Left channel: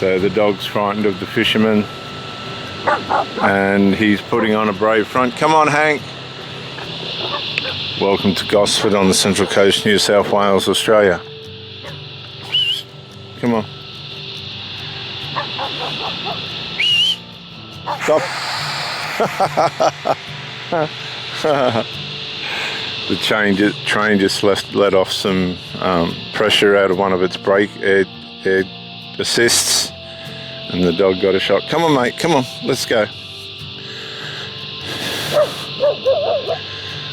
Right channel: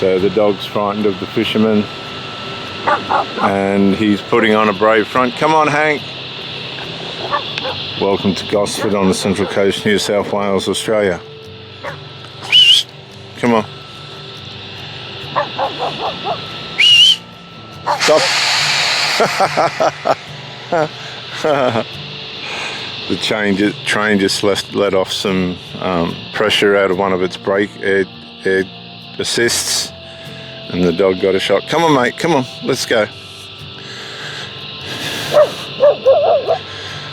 So the dog's frightened of the fisherman and he's putting on a brave front. Come on, Hank. Welcome to Gosford on the Central Coast, New South Wales, Australia. Come on. Stop. The train just let off some pressure out of one of its brake air assists, and the dog got a shock. Come on, mate, come on, let's go.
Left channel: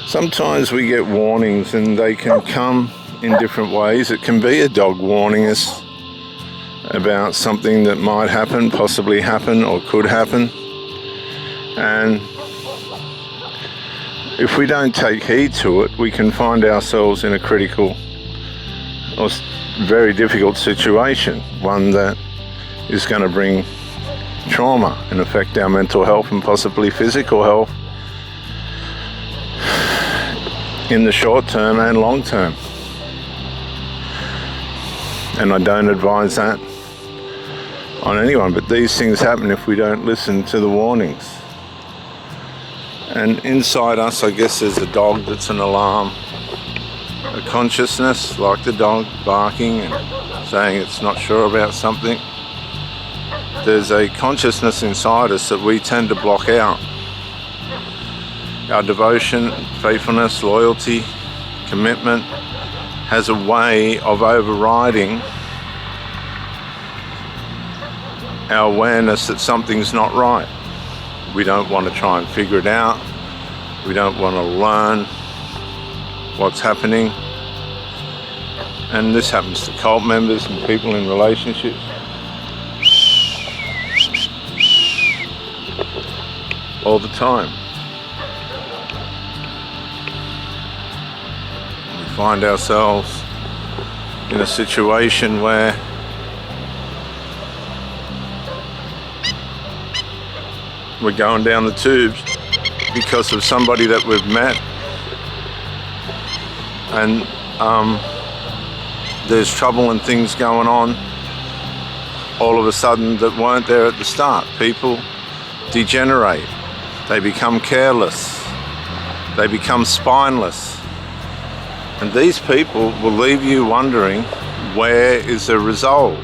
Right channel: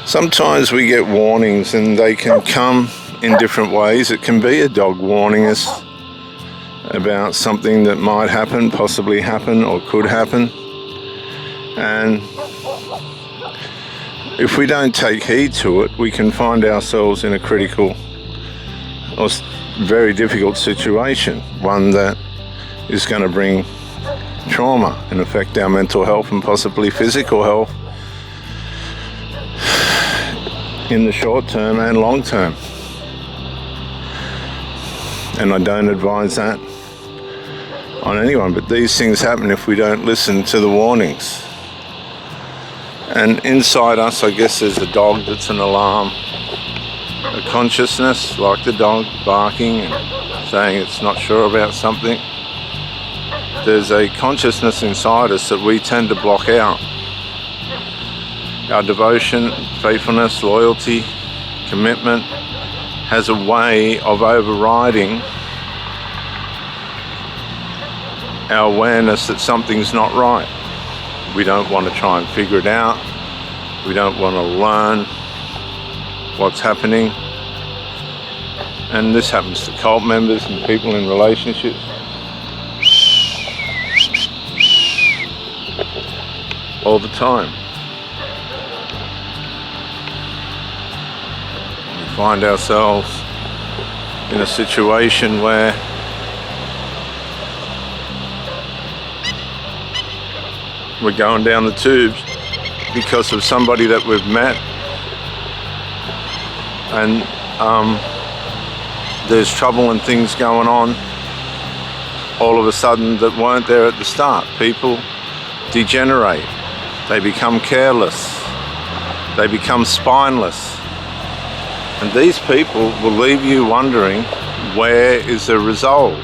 Sometimes we get warnings and they can come in different ways. It can be a dog warning us about something that might happen, possibly happen, or could happen. And if we don't take heed to it, we can find ourselves in a critical or very difficult situation, one that is going to bring trauma and affect our mental health and possibly physical health in the short term and long term. And I don't advise that on anyone, but these things happen if we don't listen to the warnings. And inside us, I guess, there's a dog that's an alarm, a consciousness, like the dog barking and saying it's not sure about something. There's a consciousness inside us that we tend to block out. Our devotion, faithfulness, loyalty, commitment has a way of overriding our awareness that something's not right. We don't want to try and figure it out. We don't want to learn what's happening. And this happens to cult members and people in relationships. All the time. We find ourselves in a situation where we're going down the tubes because of somebody that we've met, and there's trouble and things going on all of a sudden that weren't there at the start. People degenerate, they become careless, they become spineless, and these people will leave you wondering, where is the resolve?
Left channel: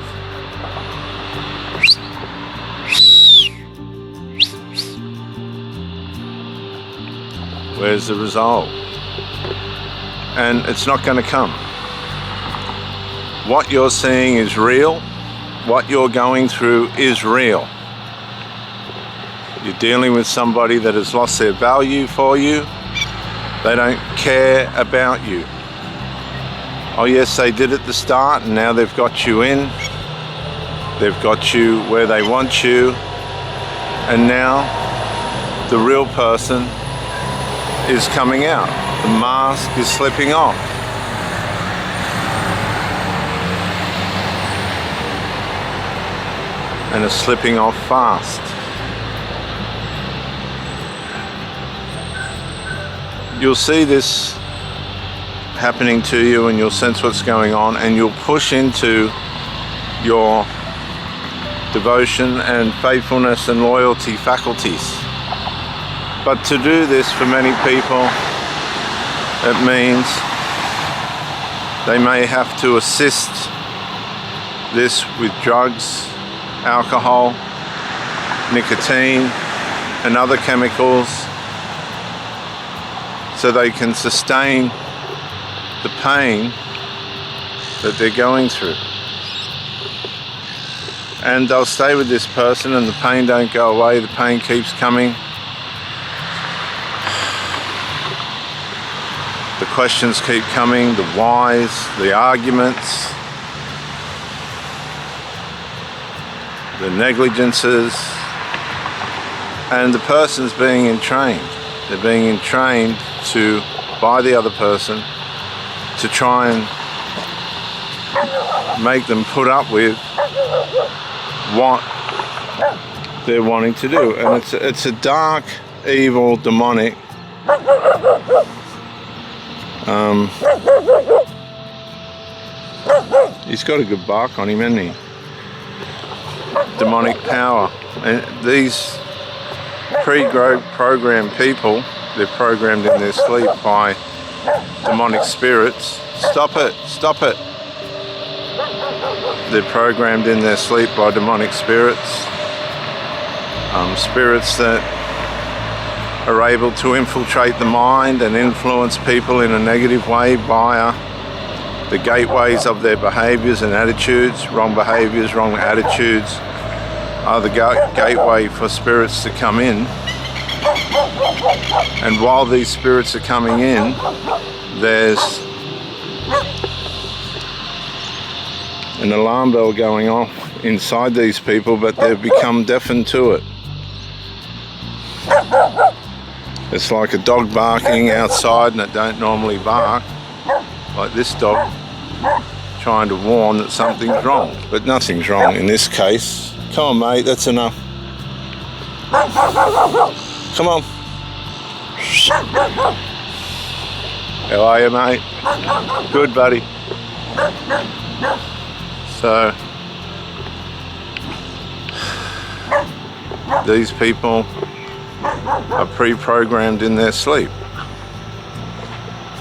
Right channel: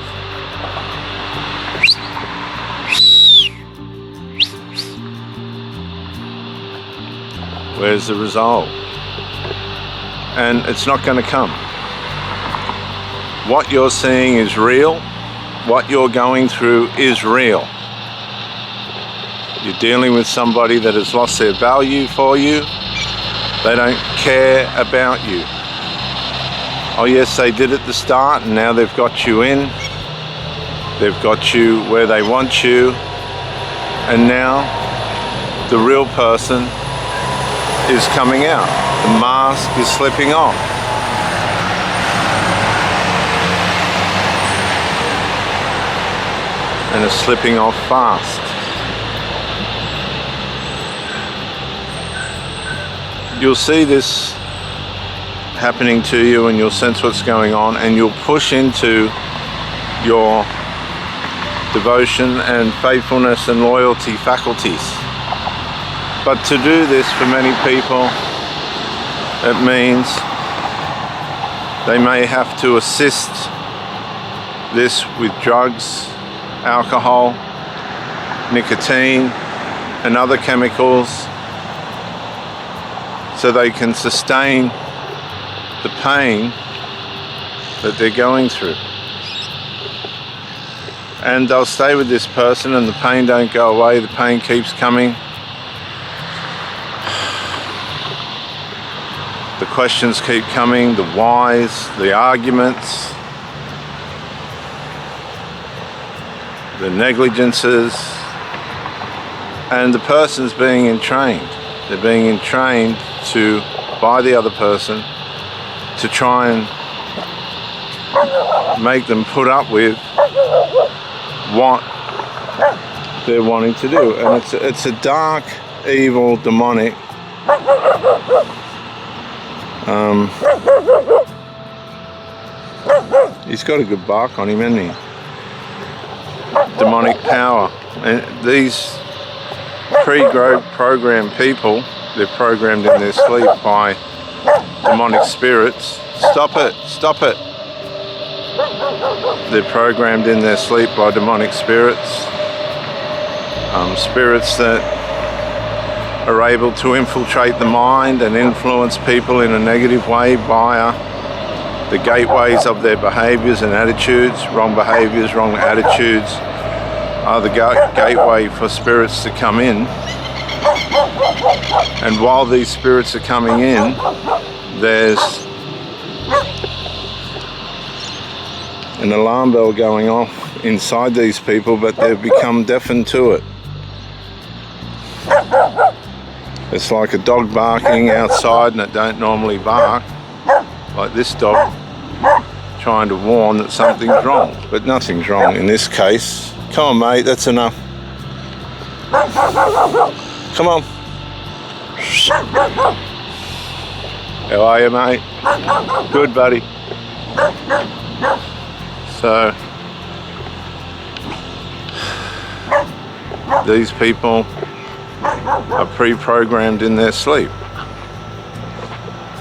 Where's the resolve? And it's not going to come. What you're seeing is real. What you're going through is real. You're dealing with somebody that has lost their value for you. They don't care about you. Oh yes, they did at the start, and now they've got you in. They've got you where they want you. And now the real person is coming out. The mask is slipping off. And it's slipping off fast. You'll see this happening to you and you'll sense what's going on, and you'll push into your devotion and faithfulness and loyalty faculties. But to do this for many people, it means they may have to assist this with drugs, alcohol, nicotine, and other chemicals so they can sustain the pain that they're going through. And they'll stay with this person and the pain don't go away, the pain keeps coming. The questions keep coming, the whys, the arguments, the negligences, and the person's being entrained. They're being entrained by the other person to try and make them put up with what they're wanting to do. And it's a dark, evil, demonic he's got a good bark on him, hasn't he? demonic power. And these pre-programmed people, they're programmed in their sleep by demonic spirits. Stop it, stop it. They're programmed in their sleep by demonic spirits. Spirits that are able to infiltrate the mind and influence people in a negative way via the gateways of their behaviours and attitudes. Wrong behaviours, wrong attitudes are the gateway for spirits to come in. And while these spirits are coming in, there's an alarm bell going off inside these people, but they've become deafened to it. It's like a dog barking outside and it don't normally bark, like this dog, trying to warn that something's wrong, but nothing's wrong in this case. Come on, mate, that's enough. Come on. How are you, mate? Good, buddy. So, these people are pre-programmed in their sleep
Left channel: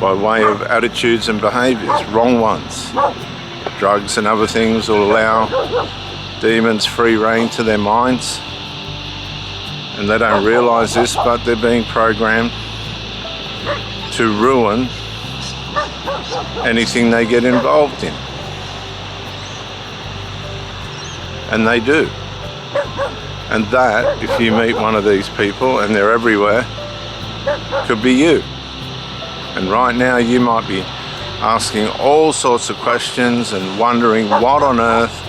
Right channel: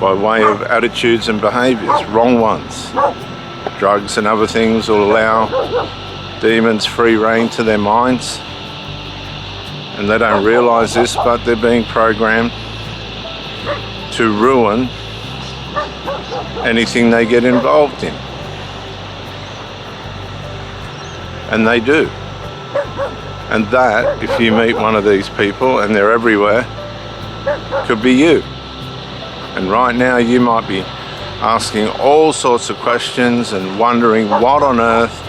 by way of attitudes and behaviours, wrong ones. Drugs and other things will allow demons free rein to their minds, and they don't realise this, but they're being programmed to ruin anything they get involved in. And they do. And that, if you meet one of these people, and they're everywhere, could be you. And right now you might be asking all sorts of questions and wondering what on earth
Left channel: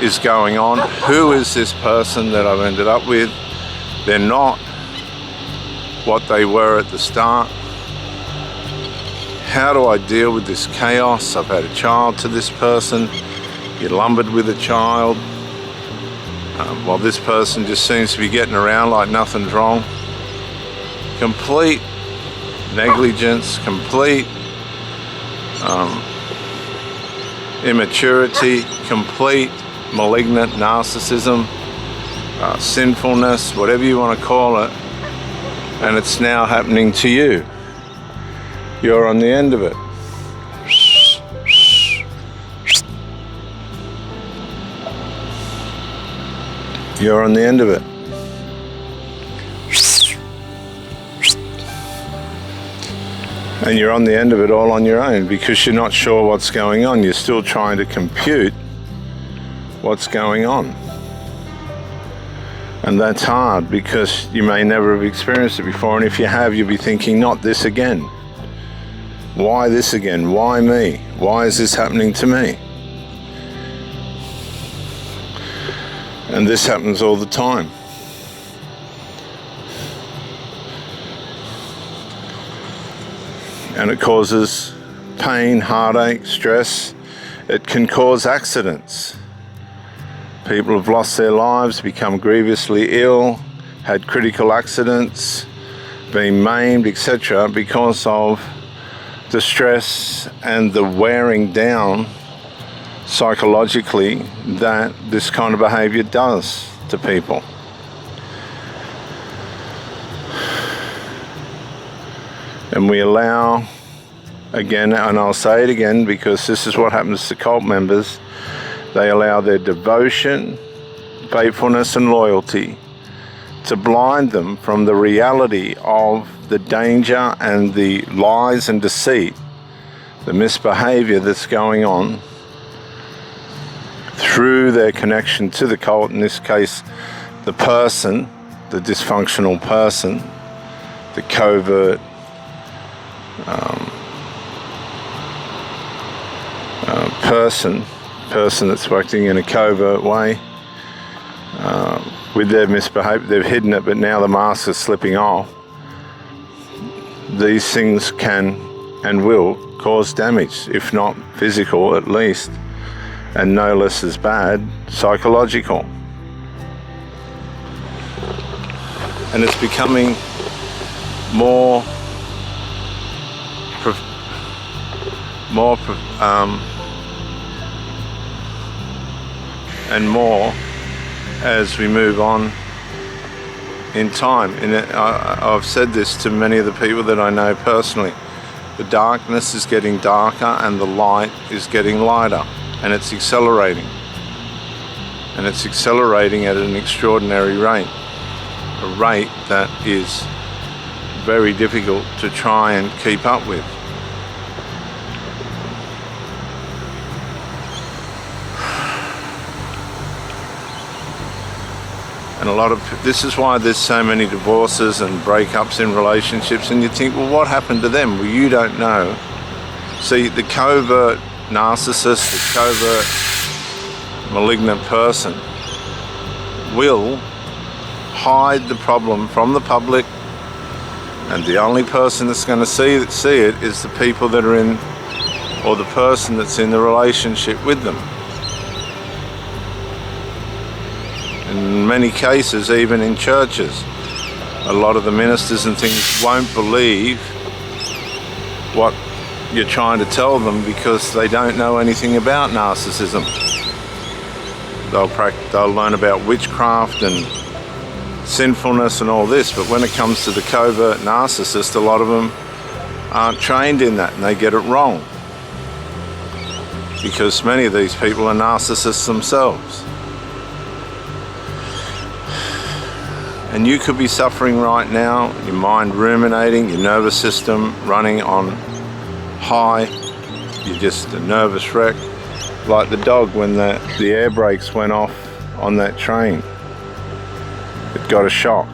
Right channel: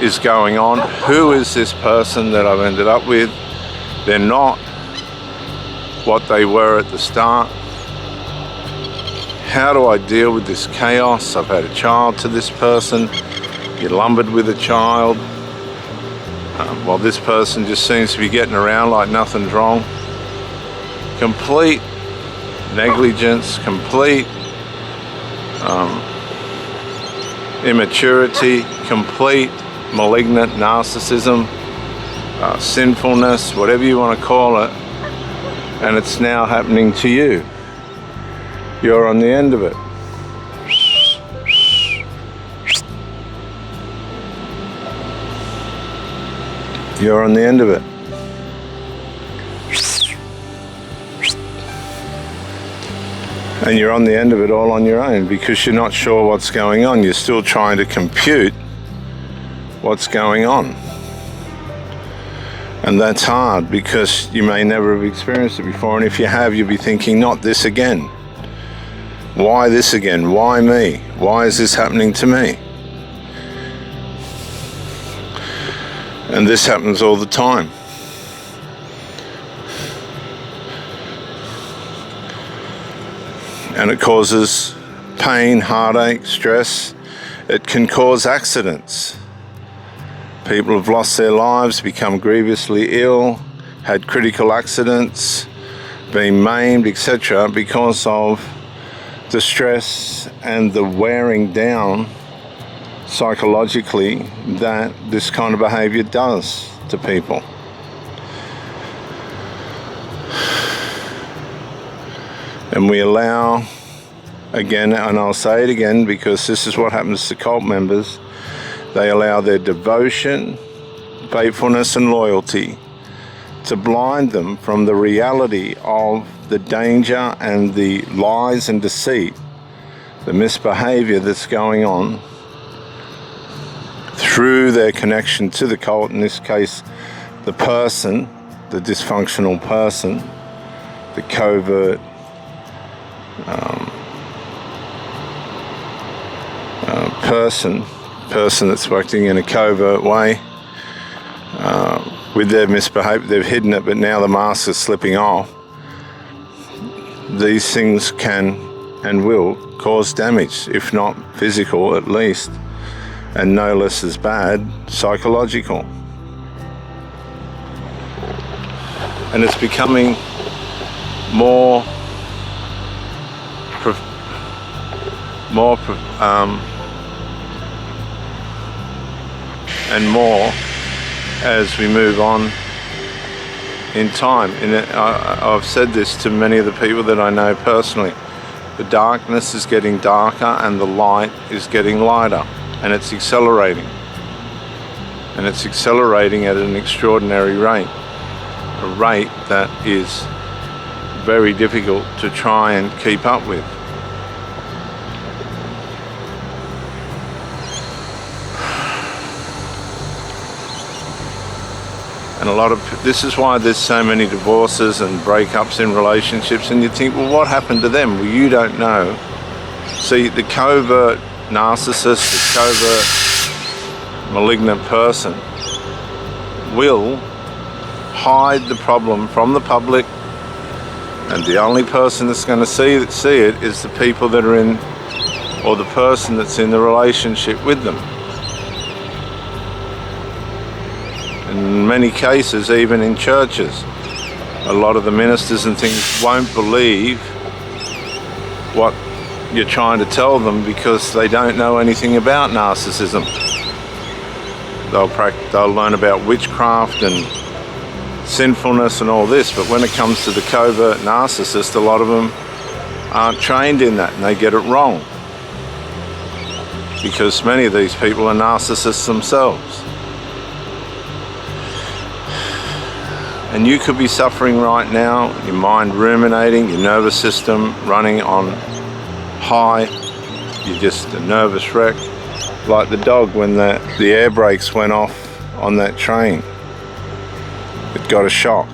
is going on. Who is this person that I've ended up with? They're not what they were at the start. How do I deal with this chaos? I've had a child to this person. You're lumbered with a child. While this person just seems to be getting around like nothing's wrong. Complete negligence, complete immaturity, complete malignant narcissism, sinfulness, whatever you want to call it, and it's now happening to you. You're on the end of it. You're on the end of it. And you're on the end of it all on your own because you're not sure what's going on. You're still trying to compute what's going on. And that's hard because you may never have experienced it before. And if you have, you'll be thinking, not this again. Why this again? Why me? Why is this happening to me? And this happens all the time. And it causes pain, heartache, stress. It can cause accidents. People have lost their lives, become grievously ill, had critical accidents, been maimed, etc. because of the stress and the wearing down psychologically that this kind of behavior does to people. And we allow, again, and I'll say it again because this is what happens to cult members, they allow their devotion, faithfulness and loyalty to blind them from the reality of the danger and the lies and deceit, the misbehavior that's going on through their connection to the cult, in this case, the person, the dysfunctional person, the covert person that's acting in a covert way with their misbehavior. They've hidden it, but now the mask is slipping off. These things can and will cause damage, if not physical at least, and no less as bad, psychological. And it's becoming more and more as we move on in time. And I've said this to many of the people that I know personally. The darkness is getting darker and the light is getting lighter, and it's accelerating. And it's accelerating at an extraordinary rate. A rate that is very difficult to try and keep up with. And this is why there's so many divorces and breakups in relationships, and you think, well, what happened to them? Well, you don't know. See, the covert narcissist, the covert malignant person will hide the problem from the public, and the only person that's going to see it is the people that are in, or the person that's in the relationship with them. In many cases, even in churches, a lot of the ministers and things won't believe what you're trying to tell them because they don't know anything about narcissism. They'll learn about witchcraft and sinfulness and all this, but when it comes to the covert narcissist, a lot of them aren't trained in that and they get it wrong, because many of these people are narcissists themselves. And you could be suffering right now, your mind ruminating, your nervous system running on high, you're just a nervous wreck, like the dog when the air brakes went off on that train. It got a shock.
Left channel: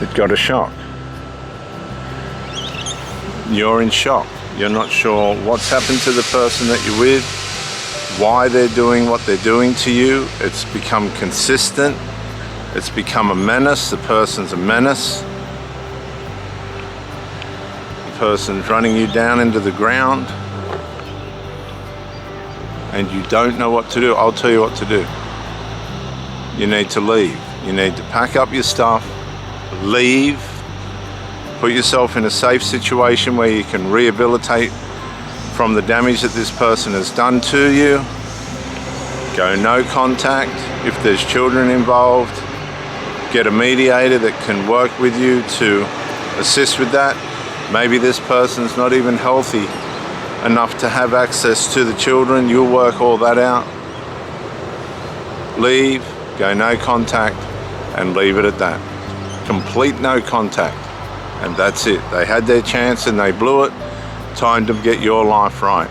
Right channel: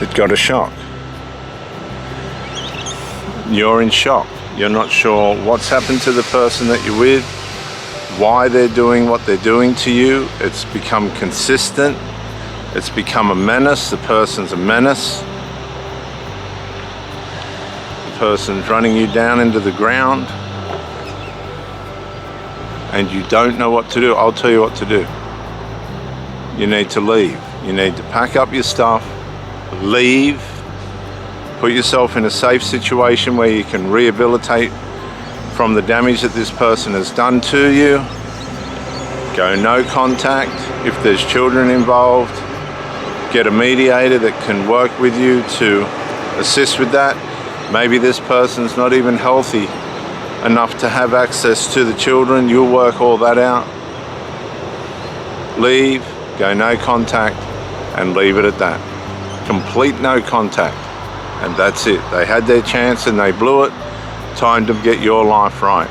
It got a shock. You're in shock. You're not sure what's happened to the person that you're with, why they're doing what they're doing to you. It's become consistent. It's become a menace. The person's a menace. The person's running you down into the ground, and you don't know what to do. I'll tell you what to do. You need to leave. You need to pack up your stuff, leave. Put yourself in a safe situation where you can rehabilitate from the damage that this person has done to you. Go no contact. If there's children involved, get a mediator that can work with you to assist with that. Maybe this person's not even healthy enough to have access to the children. You'll work all that out. Leave, go no contact, and leave it at that. Complete no contact. And that's it. They had their chance and they blew it. Time to get your life right.